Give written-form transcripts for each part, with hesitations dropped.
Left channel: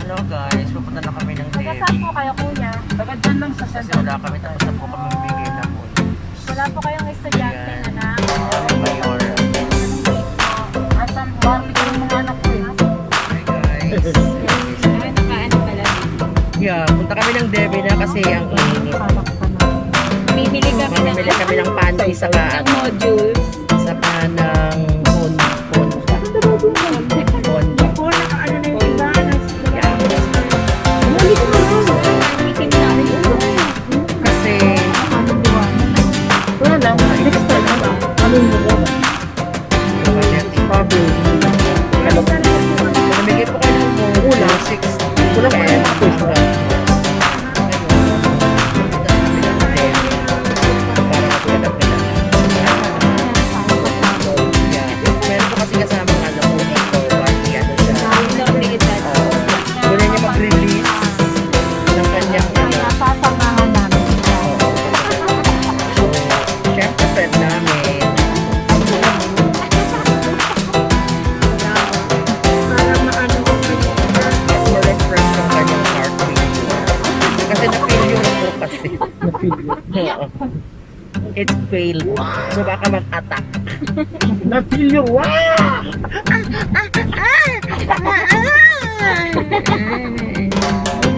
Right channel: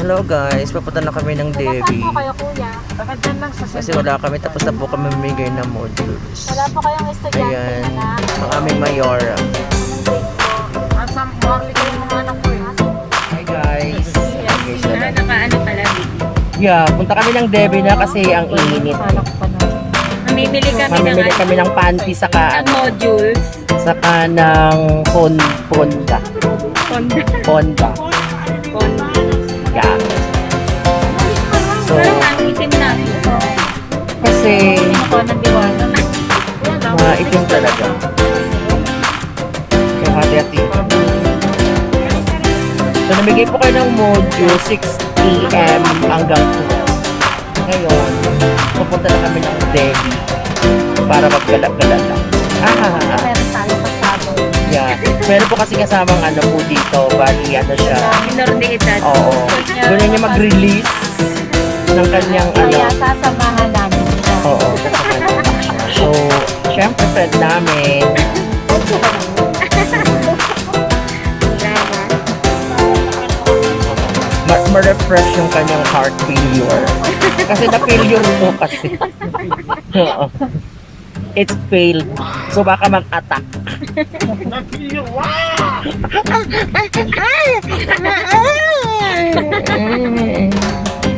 Hello guys, papunta na kami ng Taga saan Devi. po kayo, kuya? Taga dyan lang sa Kasi wala kami, tapos na po kami mamigay ng modules. Wala po kayong estudyante Ayan, anak. ang aming mayor. Anong grade po? Asam, bakit kayo mga anak ko eh? Hi guys. Nakaano pala. Yeah, punta kami ng Devi na kasi ang init. Mamimili kami ng Mamimili kami ng panty saka ng modules. saka ng Honda. Honda. Yeah. So, kasi itim talaga. Yung material. So, namigay po kayo ng module 6 p.m. hanggang 2. Ngayon, pupunta na kami ng Delhi para maggalap-galap. Yeah. Meron po kasi kasamang ano po dito, bali ano siya. Minor de edad. Oo. Doon niya mag-release ng kanyang ano. Kaya sasamahan namin siya. Oo. So, syempre friend namin. Ma-refresh yung kanyang heart failure. Kasi na-failure po kasi. Oo. It's failed. So baka mag-attack. Na-feel you, wow!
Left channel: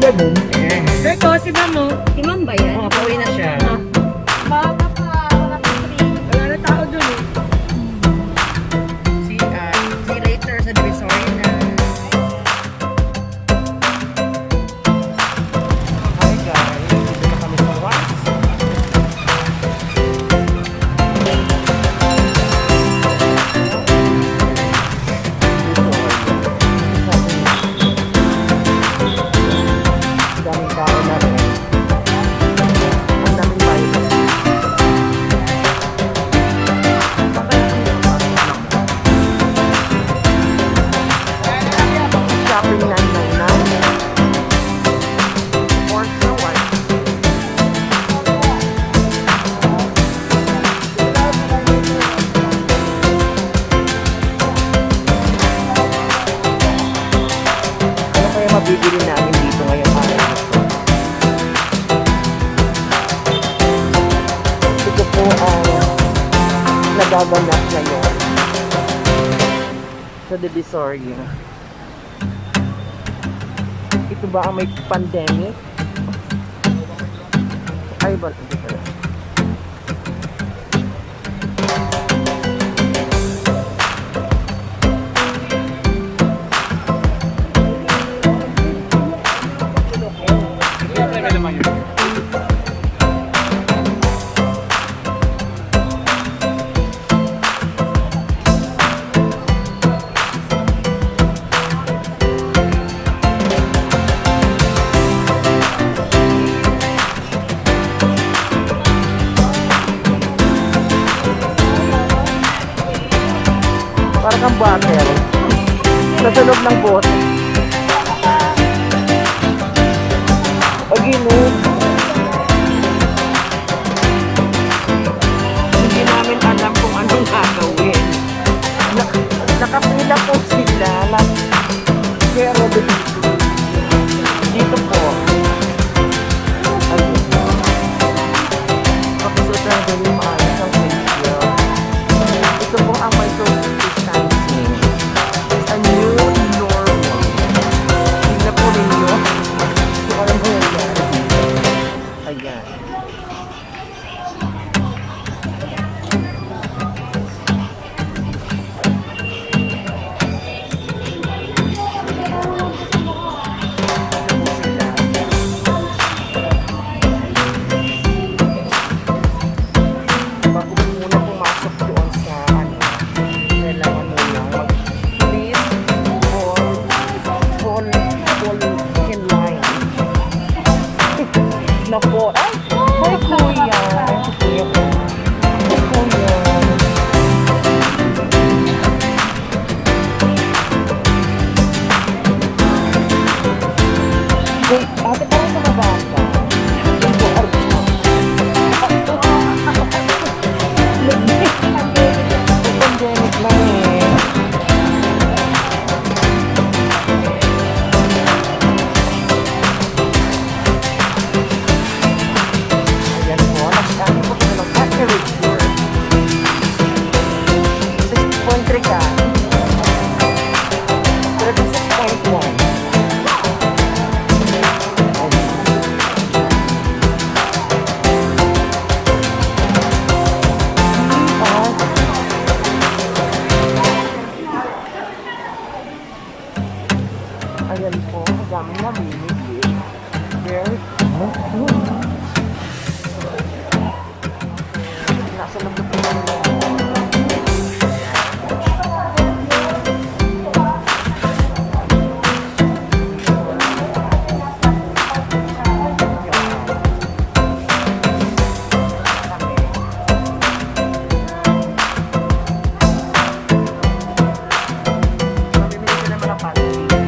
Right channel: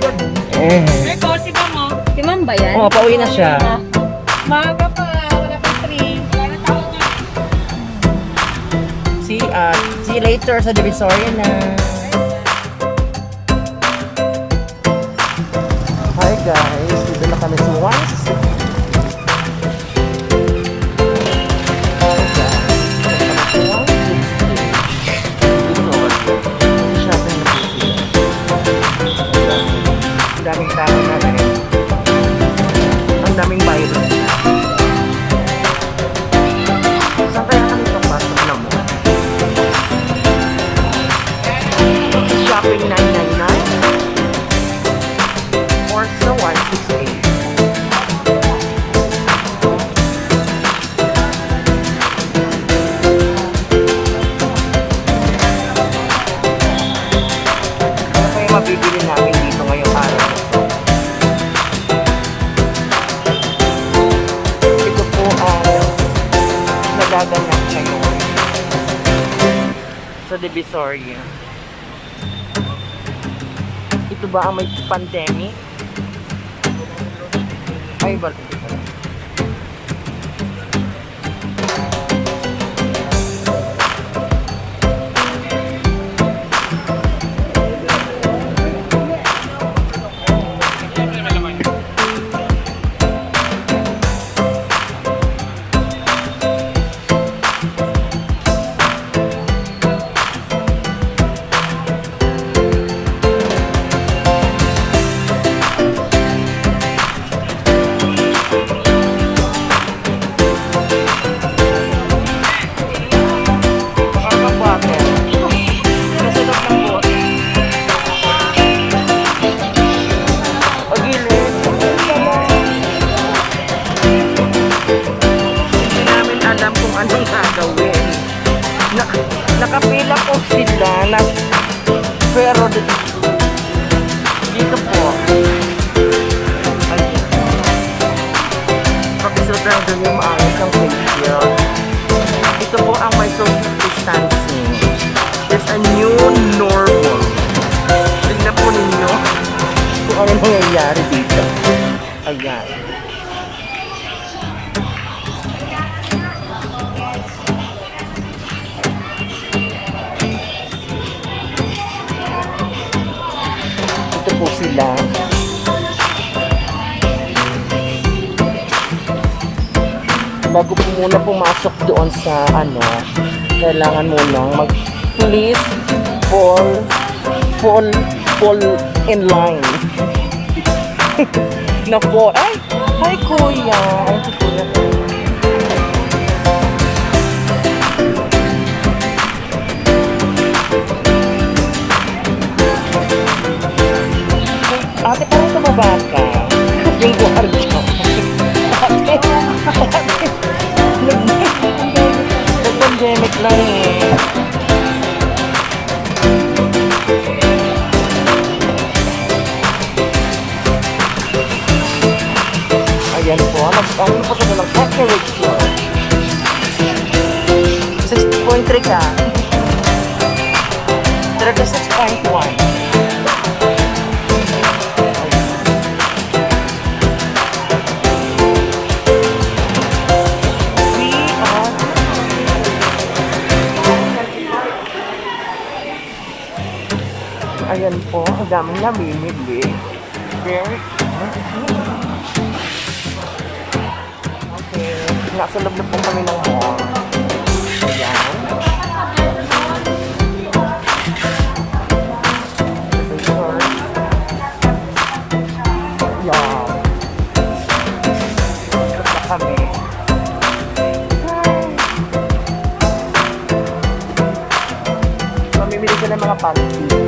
Ganun. Eko, si Ma'am mo? Si Ma'am ba yan? Oo, pauwi na siya. Maaga pa, wala pa free. Wala na tao dun eh. See you later sa Divisoria na. Hi guys, dito na kami sa Once. Ang daming tao na rin. Ang daming virus. Saan kaya kami papasok na mo? Shopping 999 or sa 168. Ano kaya mabibili namin dito ngayong araw na to? Ito po ang nagaganap ngayon sa Divisoria. Ito ba ang may pandemic? Ay, ba? Hindi pala. Parang bottle. Nasa loob ng bote. Pagilid. Hindi namin alam kung anong gagawin. Nakapila po sila. Pero dito po. Ayun. Pakisuot lang doon yung maayos ang facial. Ito po ang may social distancing. There's a new normal. Tignan po ninyo kung ano nangyayari dito. Ayan. Ito po sila. Bago po muna pumasok doon sa ano, kailangan munang mag-please fall in line. Na po, ay, hi kuya. Ay, si kuya po. Hi kuya. Ate, parang tumaba ka. Yung guardia. Nag-pandemic lang eh. Ano po ito lang? Temperature. 6.3 ka. 36.1. Ayan po, ang daming namimili. Very okay. Nasa loob na po kami ng mall. Ayan. Wow. Ito na kami. Mamimili ko ng mga panty.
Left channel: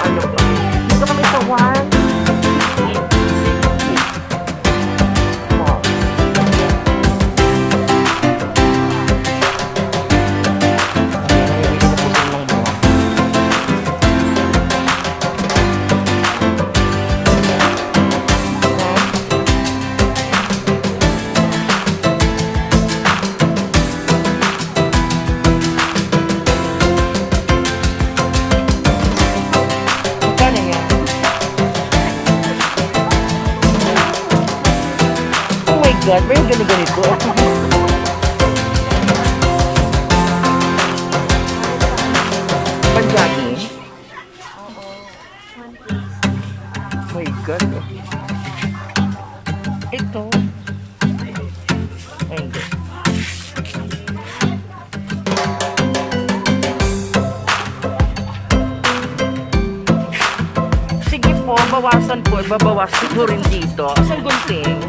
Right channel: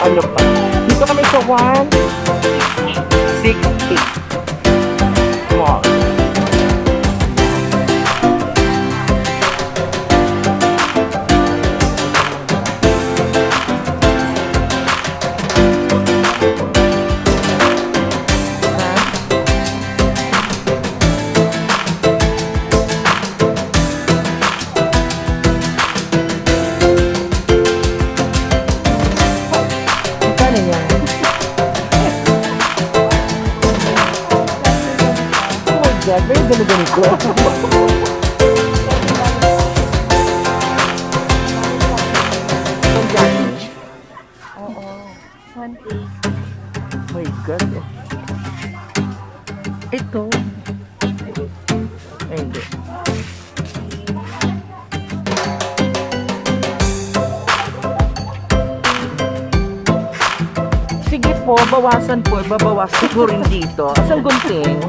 Ano pa? Dito kami sa 168 Mall. God, may ganito. Panjaki? Oo. 1 piece. My God. Ito. Ay, hindi. Sige po, bawasan po. Babawasan ko rin dito. Asang gunting?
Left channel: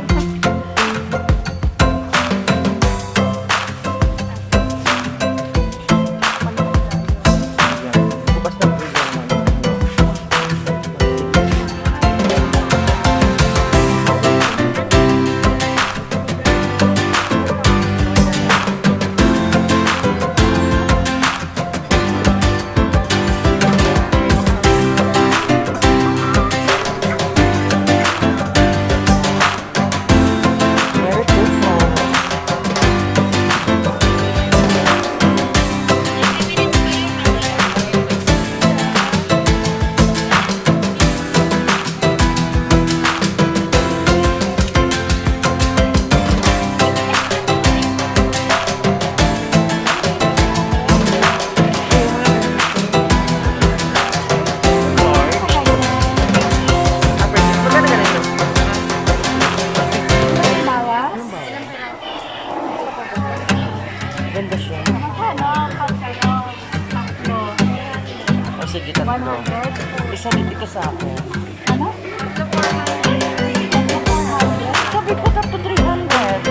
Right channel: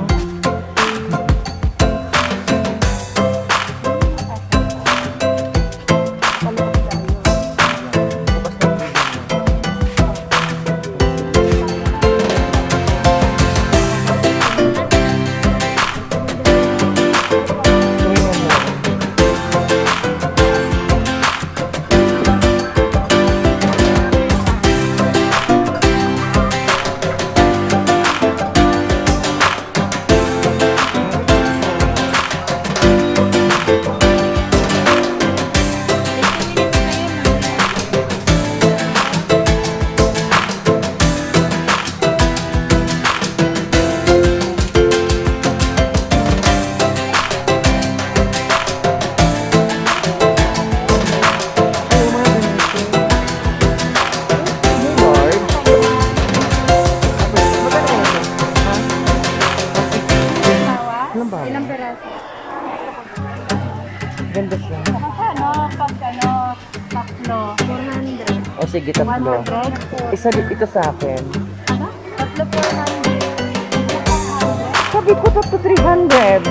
Ganda siya. Tatlo. O sige, tatlo. 100. Isa ito sa akin. Ano? Tatlo 400. Tatlo 400. Sabi ko tatlo 300.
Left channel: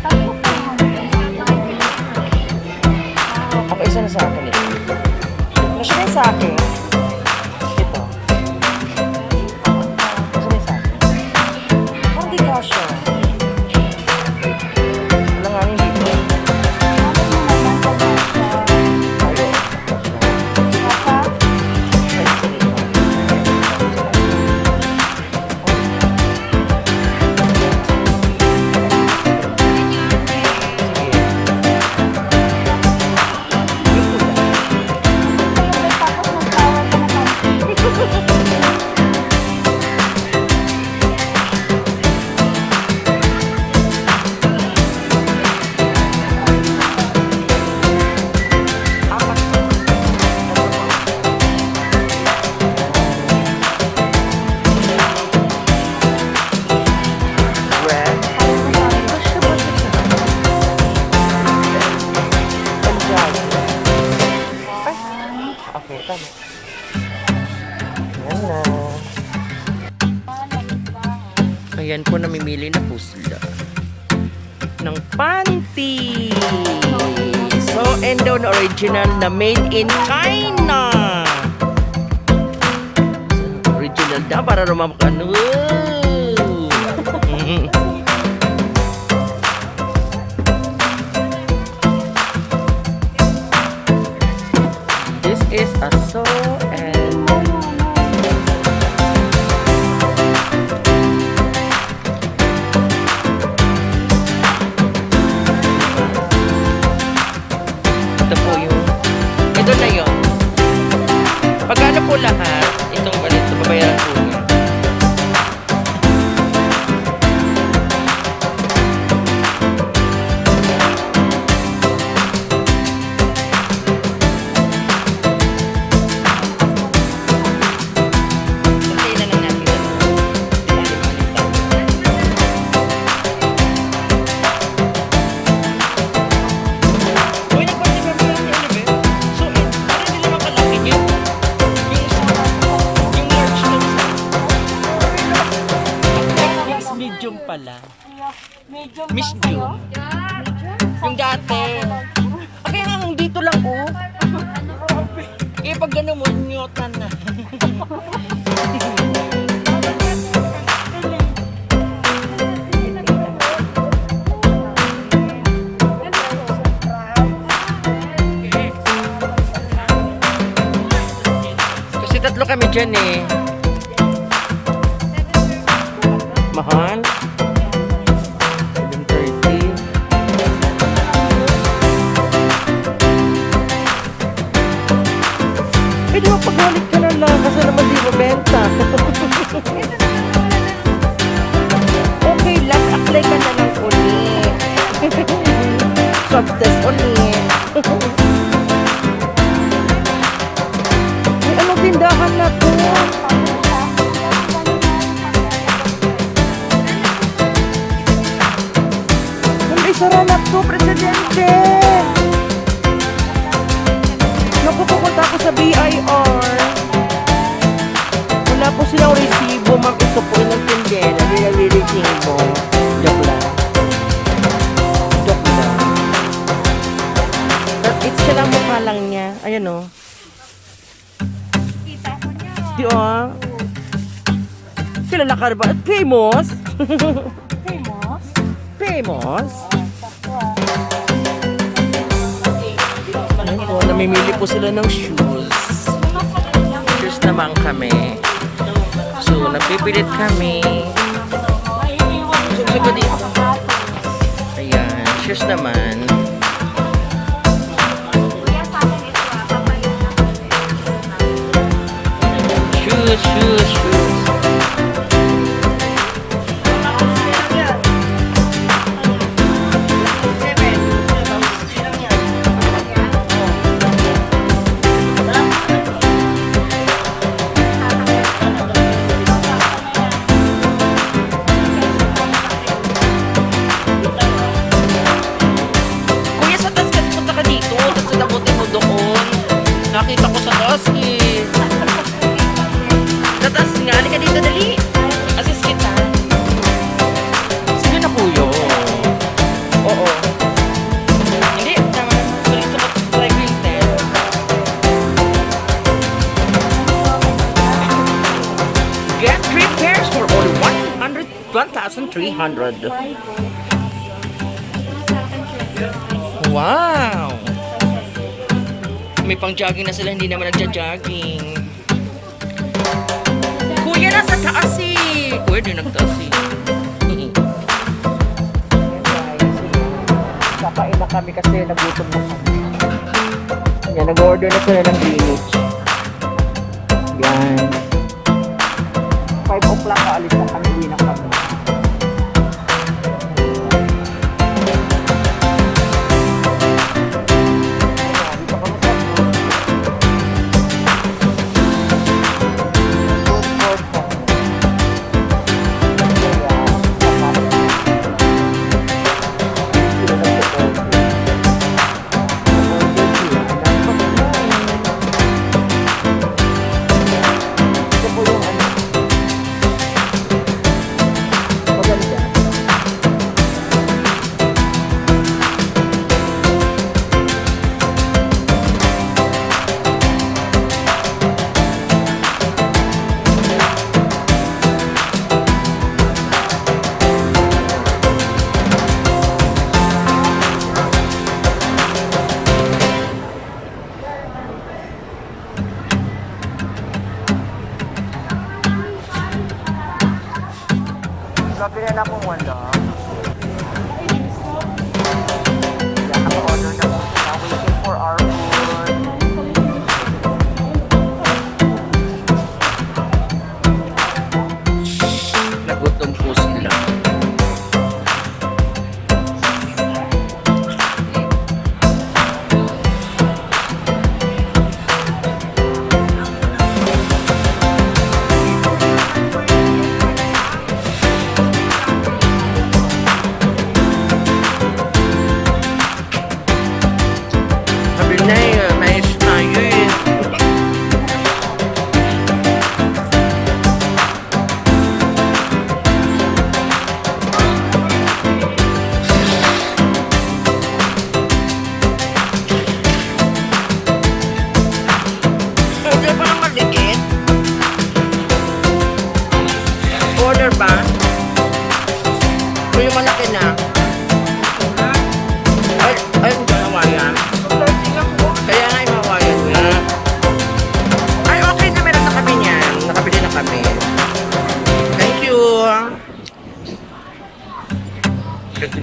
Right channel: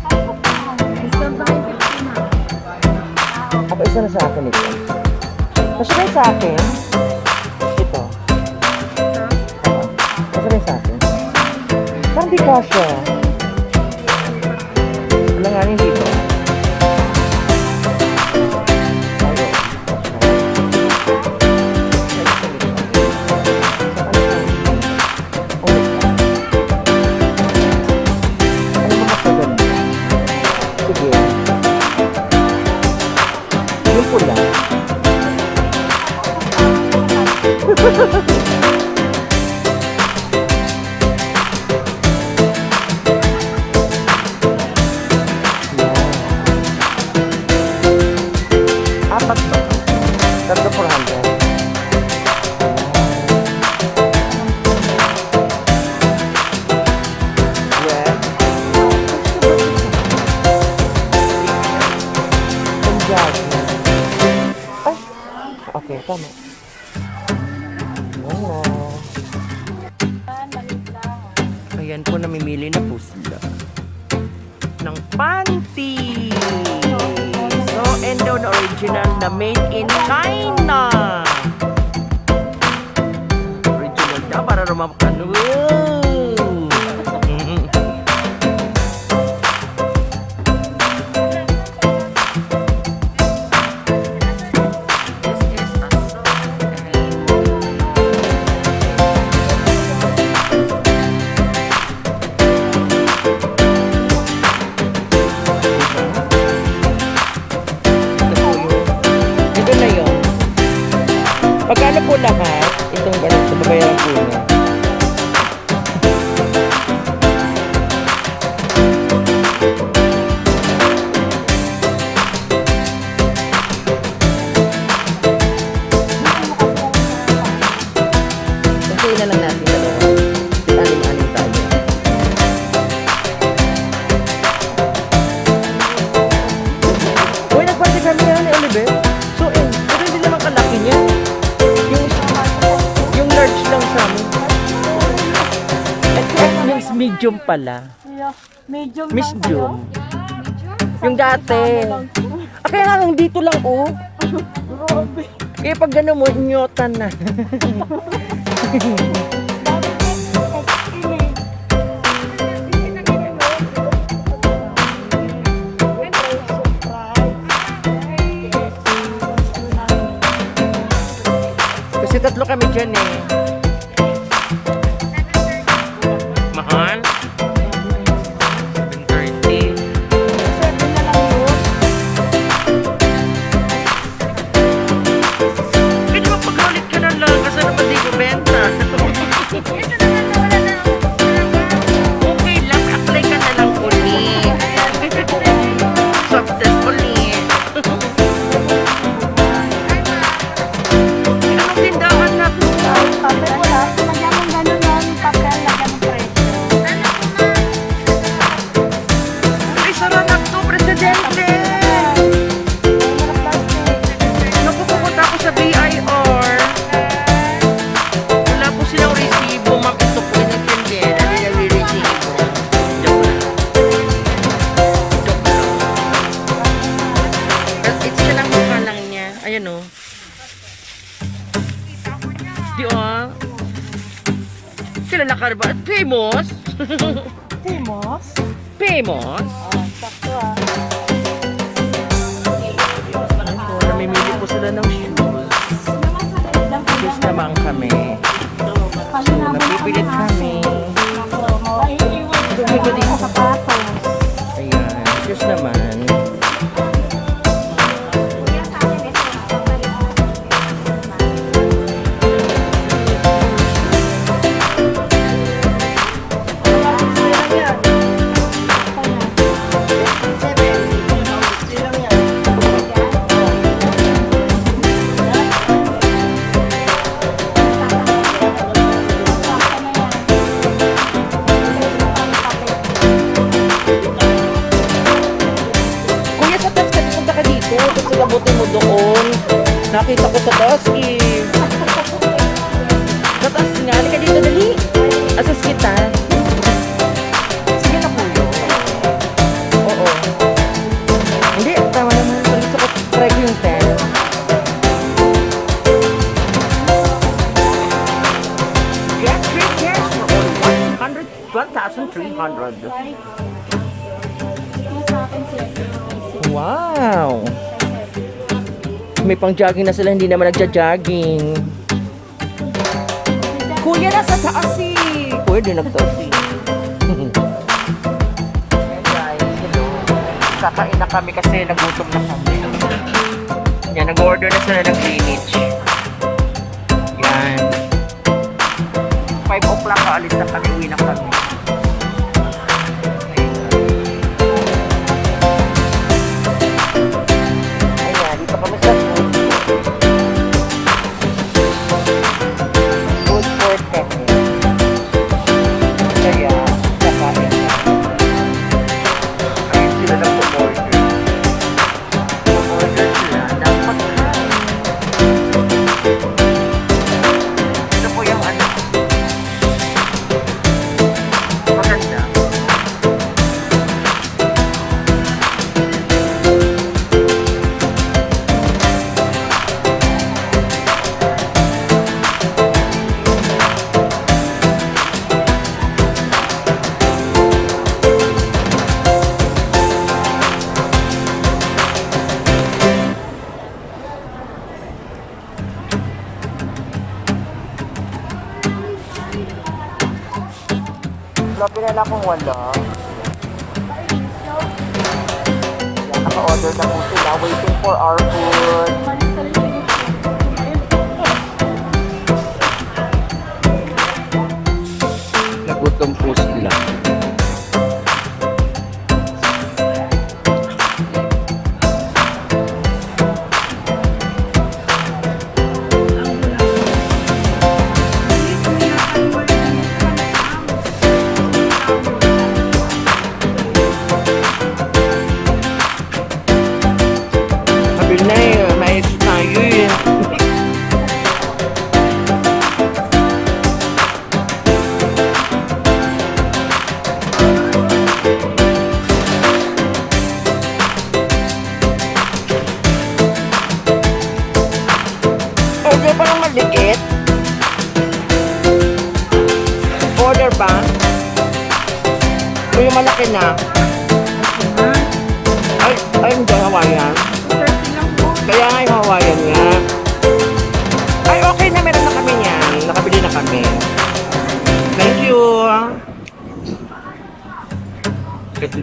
Tatlo 400. Okay, isa na sa akin ito. Kasi na sa akin. Ito. Kasi na sa akin. Parang di kasya. Wala nga rin dito. Ayo. Sige. Hindi ko lang. Okay, tama. Yan na. Ayan po, namimili na po sila ng panty. So, endo na original na made in China. Original na para rumamakano. This is a so and pala. Medium Medium. Yung dati. Kaya nga dito lang oh. Kaya pag gano'n mo, nyotan na. Kasi tatlo kami dyan eh. Mahal? 730. Pwede mo pag-ulit ka na lang kasi naman di mo benta. Okay lang, apply ka na lang ulit. Swab test ulit. Ay, anong tindahan na to? Ay, saranak to, presidente. Naku, pupunta ako sa BIR. Wala po silang resibo, ma'am. Ito po inintindi. Naliliresibo. Joke lang. Joke lang. But it's siya lang mukha lang niya. Ayan o. Di o. Kilala ka ba? Famous? Famous? Famous? Sakto Ayun po, namimili po sila ng shoes. Shoes naman kami. So, napipilit kami. So, may ba dito? Ayan, shoes naman. Shoes, shoes, shoes. Kuya, sa taas ka, punta ka dito. Tapos nalabutin mo doon. Nakita ko sa taas eh. Sa taas nga, halika dito, dali. Assist kita. Sige na kuya. Oo. Hindi, tama na. Balik sa driving time. Get 3 pairs for only 1,300. Wow! May pang jogging na sila, hindi naman nagja-jogging. Kuya, nasa taas eh! Kuya, di nagtaas eh. Ayan guys, kakain na kami kasi nagutom na kami. Yan, nag-order na sila ng Greenwich. Yan. 5 o'clock kaalis na kami, uwi na kami. Ayan, dito kami sa food court kami. Kaya, kakain na. Ayun sila nag-order. Nag-order sila. Dapat na. Ito po yung ano. Maganda. Labi na lang kung wala. Yan, naka-order na po sila. Waiting for our food. Nagutom po sila. Sabi na eh, may tayo eh. Regular ba? O yung malaki na? Ay, hindi Hawaiian. Kaya nga yung Hawaiian nga. Ay, okay na. Meron na kami niyan. Nakabili na kami. Thank you. Kasi